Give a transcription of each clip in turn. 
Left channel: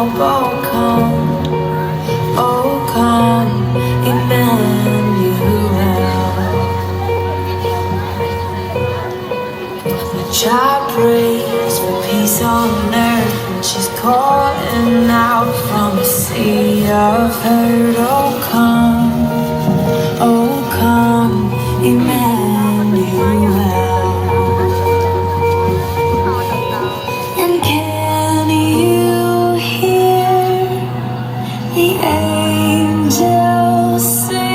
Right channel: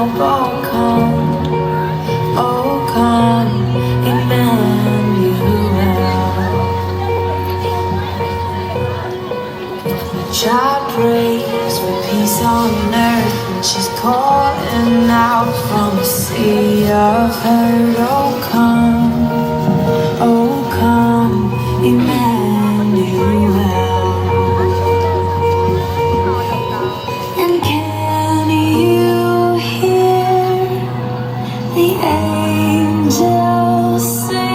Oh, come, oh, come, Emmanuel. The child prays for peace on earth, and she's calling out from a sea of hurt. Oh, come, Emmanuel. And can you hear the angels singing?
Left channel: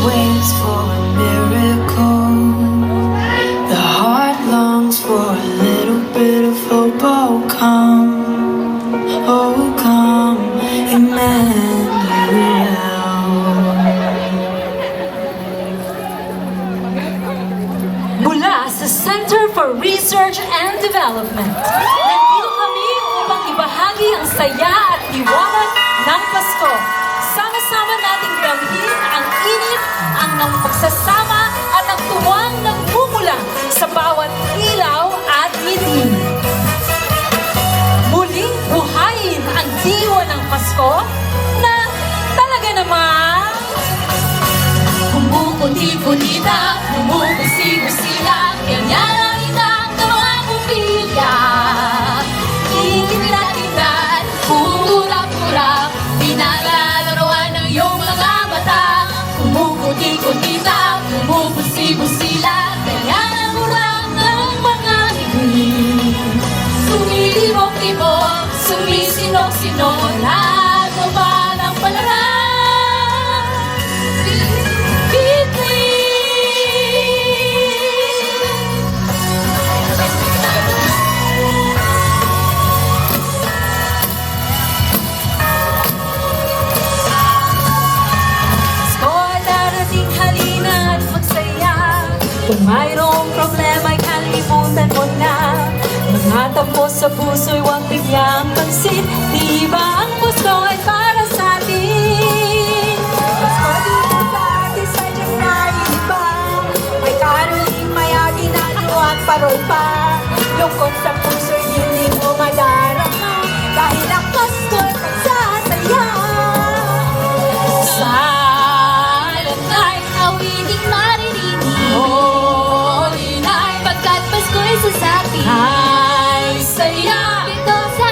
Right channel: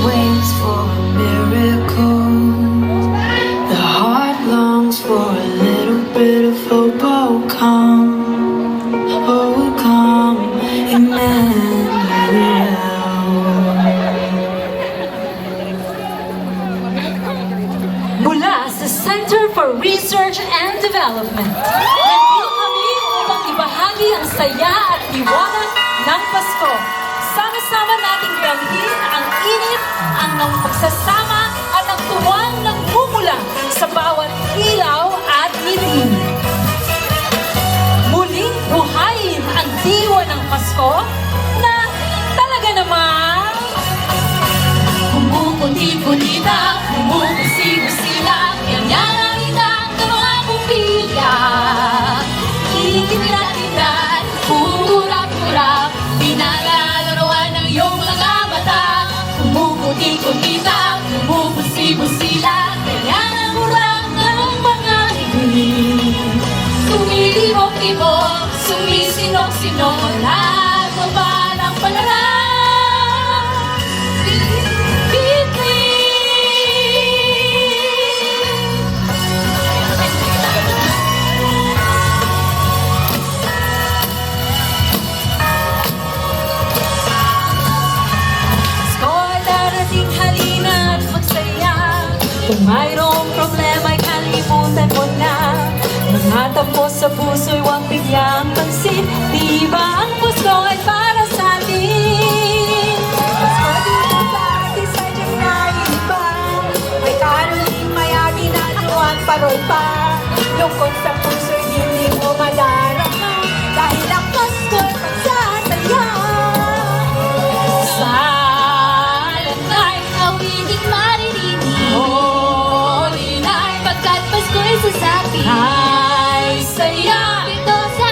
Waits for a miracle. The heart longs for a little bit of hope. Oh, come, Emmanuel. Mula sa Center for Research and Development, nandito kami upang ibahagi ang saya at liwanag ng Pasko. Sama-sama nating damhin ang init, ang pagsasama at ang tuwang nagmumula sa bawat ilaw at ngiti. Muling buhayin ang diwa ng Pasko na talaga namang kumukulit-kulita, kumukusina-sina, yan-yaran ng mga pupila. Kinikita-kitaan, pura-pura, pinalalaroan ng iyong mga mata. Kumukulit-kulita, kumukusina-sina, yan-yaran mo lang ng mga ngiti. Sumilibok-ibok, sumisinok-sinok, nagaba ng palaran. Kung mayroong problema ay kalimutan mo na. Mga tampo sa puso'y huwag bigyang pansin. Di ba ang Pasko ay para sa atin? Pasko dito sa atin sa iba. May karoling, may aginagawa at parol pa. Lungkot sa puso'y hindi mo madarama. Dahil ang Pasko ay pagsasaya. Sa alam ay kawiling maririnig. Pagkat Pasko'y sa atin ay saya. Ito sa